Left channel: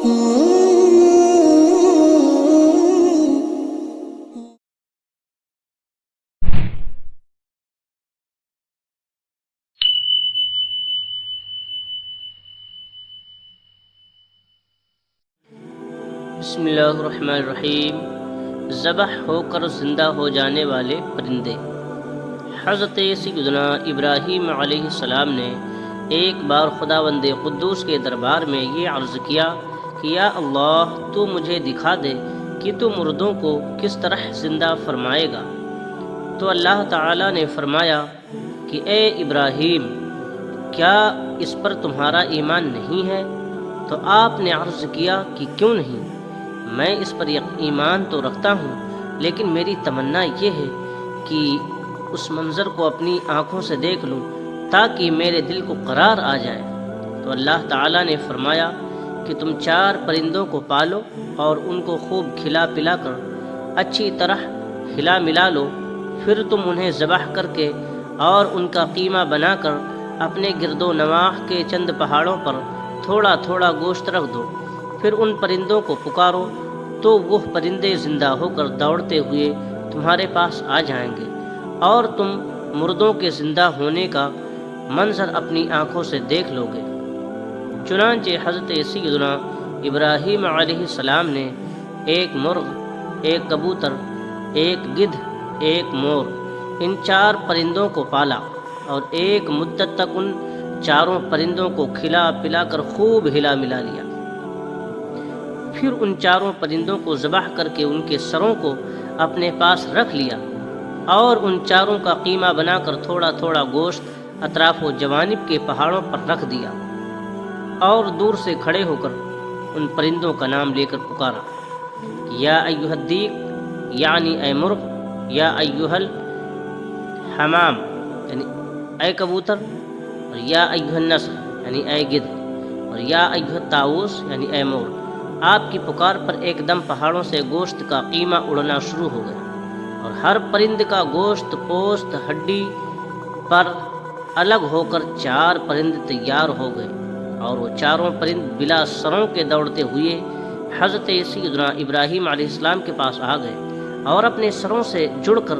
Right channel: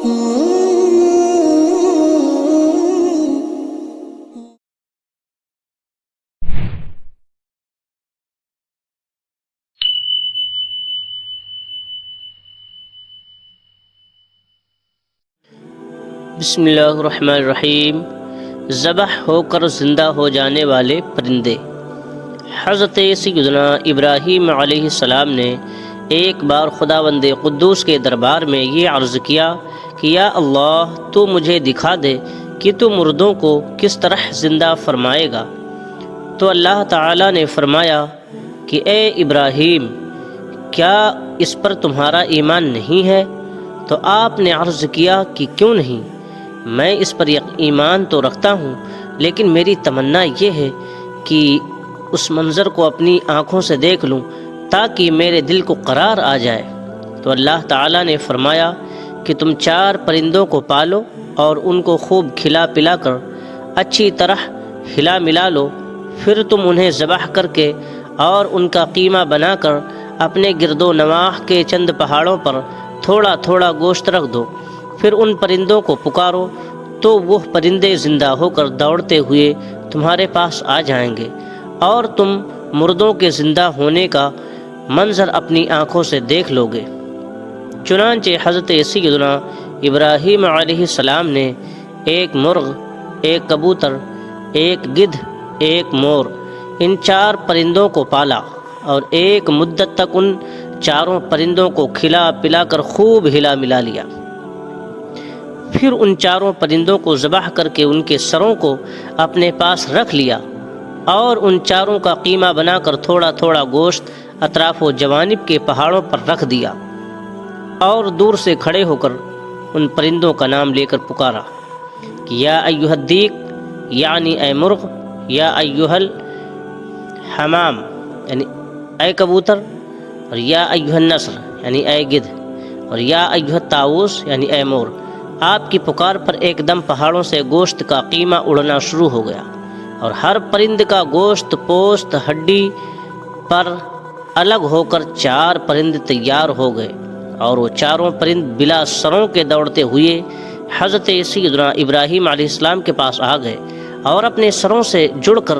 بسم اللہ الرحمن الرحیم۔ ذبح ہو کر زندہ ہو جانے والے پرندے۔ حضرت سیدنا ابراہیم علیہ السلام نے ایک بار خداوند قدوس کے دربار میں یہ عرض کیا کہ یا اللہ، تو مجھے دکھا دے کہ تو مردوں کو کس طرح زندہ فرمائے گا۔ تو اللہ تعالیٰ نے فرمایا کہ اے ابراہیم، کیا اس پر تمہارا ایمان نہیں ہے؟ تو آپ نے عرض کیا کہ کیوں نہیں، میں اس پر ایمان تو رکھتا ہوں، لیکن میری تمنا یہ ہے کہ اس منظر کو اپنی آنکھوں سے دیکھ لوں تاکہ میرے دل کو قرار آ جائے۔ تو اللہ تعالیٰ نے فرمایا کہ تم 4 پرندوں کو پالو اور ان کو خوب کھلا پلا کر اچھی طرح ہلا ملا لو، پھر تم انہیں ذبح کر کے اور ان کا قیمہ بنا کر اپنے گرد و نواح کے چند پہاڑوں پر تھوڑا تھوڑا گوشت رکھ دو، پھر ان پرندوں کو پکارو تو وہ پرندے زندہ ہو کر دوڑتے ہوئے تمہارے پاس آ جائیں گے اور تم مردوں کے زندہ ہونے کا منظر اپنی آنکھوں سے دیکھ لو گے۔ چنانچہ حضرت سیدنا ابراہیم علیہ السلام نے ایک مرغ، ایک کبوتر، ایک گدھ، ایک مور، ان 4 پرندوں کو پالا اور ایک مدت تک ان 4 پرندوں کو کھلا پلا کر خوب ہلا ملا لیا۔ پھر ان 4 پرندوں کو ذبح کر کے ان کے سروں کو اپنے پاس رکھ لیا اور ان 4 کا قیمہ بنا کر تھوڑا تھوڑا گوشت اطراف و جوانب کے پہاڑوں پر رکھ دیا اور دور سے کھڑے ہو کر ان پرندوں کا نام لے کر پکارا کہ یا ایھا الدیک، یعنی اے مرغ، یا ایھا الحمام، یعنی اے کبوتر، اور یا ایھا النسر، یعنی اے گدھ، اور یا ایھا الطاؤس، یعنی اے مور۔ آپ کی پکار پر ایک دم پہاڑوں سے گوشت کا قیمہ اڑنا شروع ہو گیا اور ہر پرند کا گوشت، پوست، ہڈی پر الگ ہو کر 4 پرند تیار ہو گئے اور وہ 4 پرند بلا سروں کے دوڑتے ہوئے حضرت سیدنا ابراہیم علیہ السلام کے پاس آ گئے اور اپنے سروں سے جڑ کر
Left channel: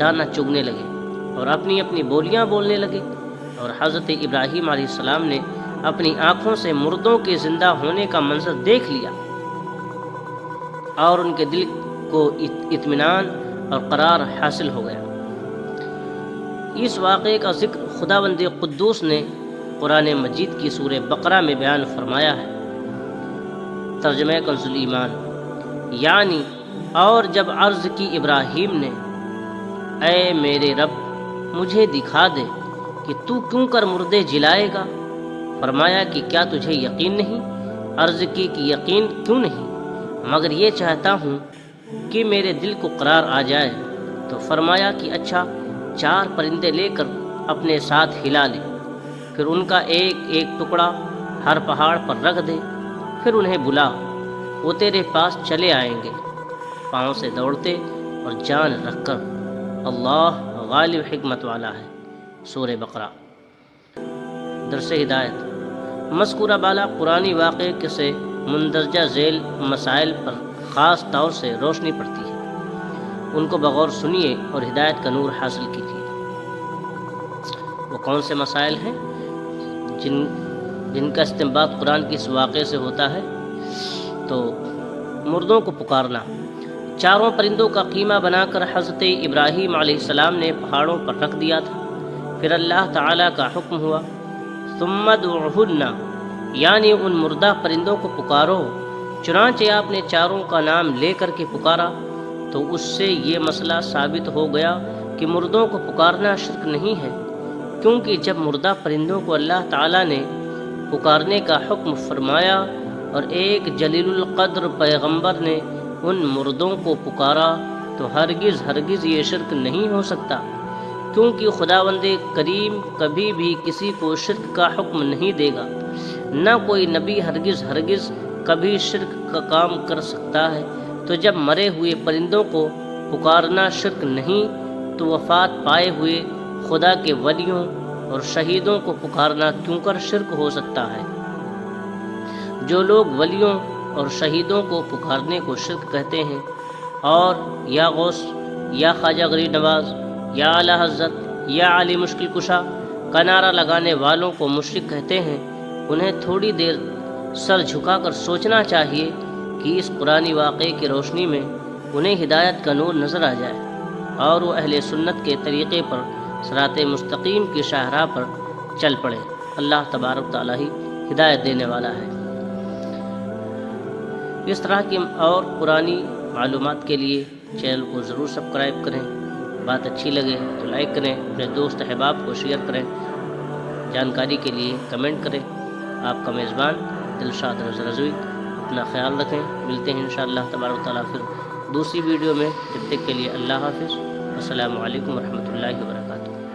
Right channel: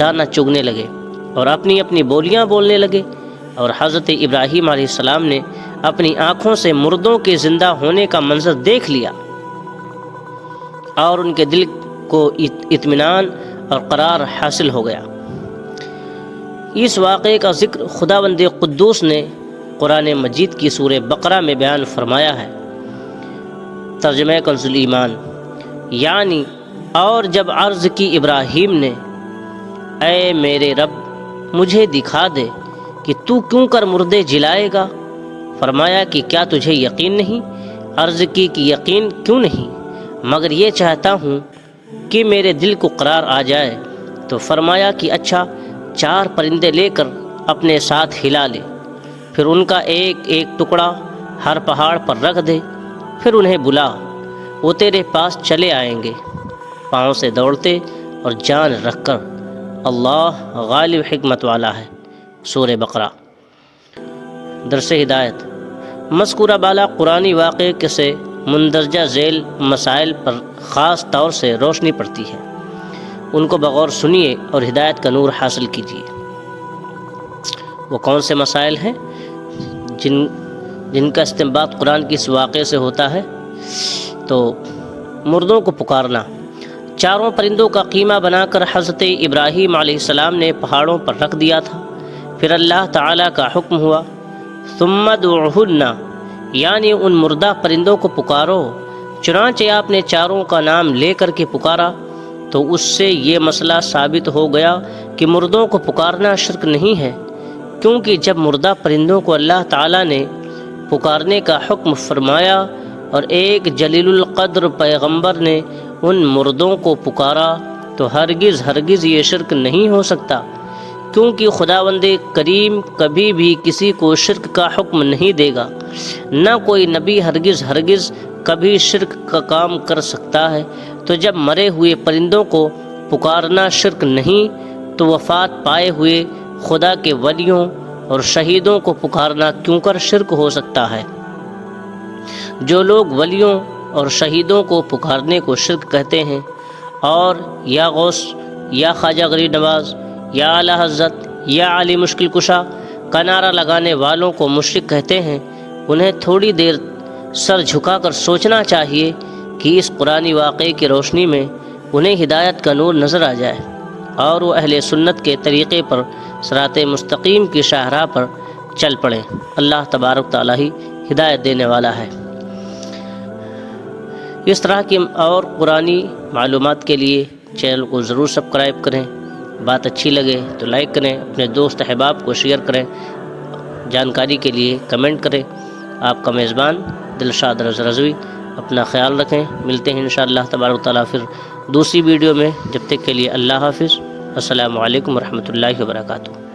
دانہ چگنے لگے اور اپنی اپنی بولیاں بولنے لگے، اور حضرت ابراہیم علیہ السلام نے اپنی آنکھوں سے مردوں کے زندہ ہونے کا منظر دیکھ لیا اور ان کے دل کو اطمینان اور قرار حاصل ہو گیا۔ اس واقعے کا ذکر خداوند قدوس نے قرآن مجید کی سورہ بقرہ میں بیان فرمایا ہے۔ ترجمہ کنز ایمان، یعنی اور جب عرض کی ابراہیم نے اے میرے رب، مجھے دکھا دے کہ تو کیوں کر مردے جلائے گا، فرمایا کہ کیا تجھے یقین نہیں؟ عرض کی کہ یقین کیوں نہیں، مگر یہ چاہتا ہوں کہ میرے دل کو قرار آ جائے۔ تو فرمایا کہ اچھا، 4 پرندے لے کر اپنے ساتھ ہلا لے، پھر ان کا ایک ایک ٹکڑا ہر پہاڑ پر رکھ دے، پھر انہیں بلا، وہ تیرے پاس چلے آئیں گے پاؤں سے دوڑتے اور جان رکھ کر۔ اللہ غالب حکمت والا ہے۔ سورہ بقرہ۔ درس ہدایت۔ مذکورہ بالا قرآنی واقعے سے مندرجہ ذیل مسائل پر خاص طور سے روشنی پڑتی ہے، ان کو بغور سنیے اور ہدایت کا نور حاصل کیجیے۔ وہ کون سے مسائل ہیں جن کا استنباط قرآن کی اس واقعے سے ہوتا ہے؟ تو مردوں کو پکارنا، 4 پرندوں کا قیمہ بنا کر حضرت ابراہیم علیہ السلام نے پہاڑوں پر رکھ دیا تھا، پھر اللہ تعالیٰ کا حکم ہوا ثم ادعوہن، یعنی ان مردہ پرندوں کو پکارو۔ چنانچہ آپ نے 4 کا نام لے کر کے پکارا تو اس سے یہ مسئلہ ثابت ہو گیا کہ مردوں کو پکارنا شرک نہیں ہے، کیونکہ جب مردہ پرندوں کو اللہ تعالیٰ نے پکارنے کا حکم فرمایا اور ایک جلیل القدر پیغمبر نے ان مردوں کو پکارا تو ہرگز یہ شرک نہیں ہو سکتا، کیونکہ خداوند کریم کبھی بھی کسی کو شرک کا حکم نہیں دے گا، نہ کوئی نبی ہرگز کبھی شرک کا کام کر سکتا ہے۔ تو جب مرے ہوئے پرندوں کو پکارنا شرک نہیں تو وفات پائے ہوئے خدا کے ولیوں اور شہیدوں کو پکارنا کیوں کر شرک ہو سکتا ہے؟ جو لوگ ولیوں اور شہیدوں کو پکارنے کو شرک کہتے ہیں، اور یا غوث، یا خواجہ غریب نواز، یا اعلیٰ حضرت، یا علی مشکل کشا کا نعرہ لگانے والوں کو مشرک کہتے ہیں، انہیں تھوڑی دیر سر جھکا کر سوچنا چاہیے کہ اس قرآنی واقعے کی روشنی میں انہیں ہدایت کا نور نظر آ جائے اور وہ اہل سنت کے طریقے پر صراط مستقیم کی شاہراہ پر چل پڑیں۔ اللہ تبارک تعالیٰ ہی ہدایت دینے والا ہے۔ اس طرح کی اور قرآنی معلومات کے لیے چینل کو ضرور سبسکرائب کریں، بات اچھی لگے تو لائک کریں، اپنے دوست احباب کو شیئر کریں، جانکاری کے لیے کمنٹ کریں۔ آپ کا میزبان دلشاد رضوی، اپنا خیال رکھیں، ملتے ہیں انشاءاللہ تبارک تعالیٰ پھر دوسری ویڈیو میں، جب تک کے لیے اللہ حافظ، السلام علیکم ورحمۃ اللہ وبرکاتہ۔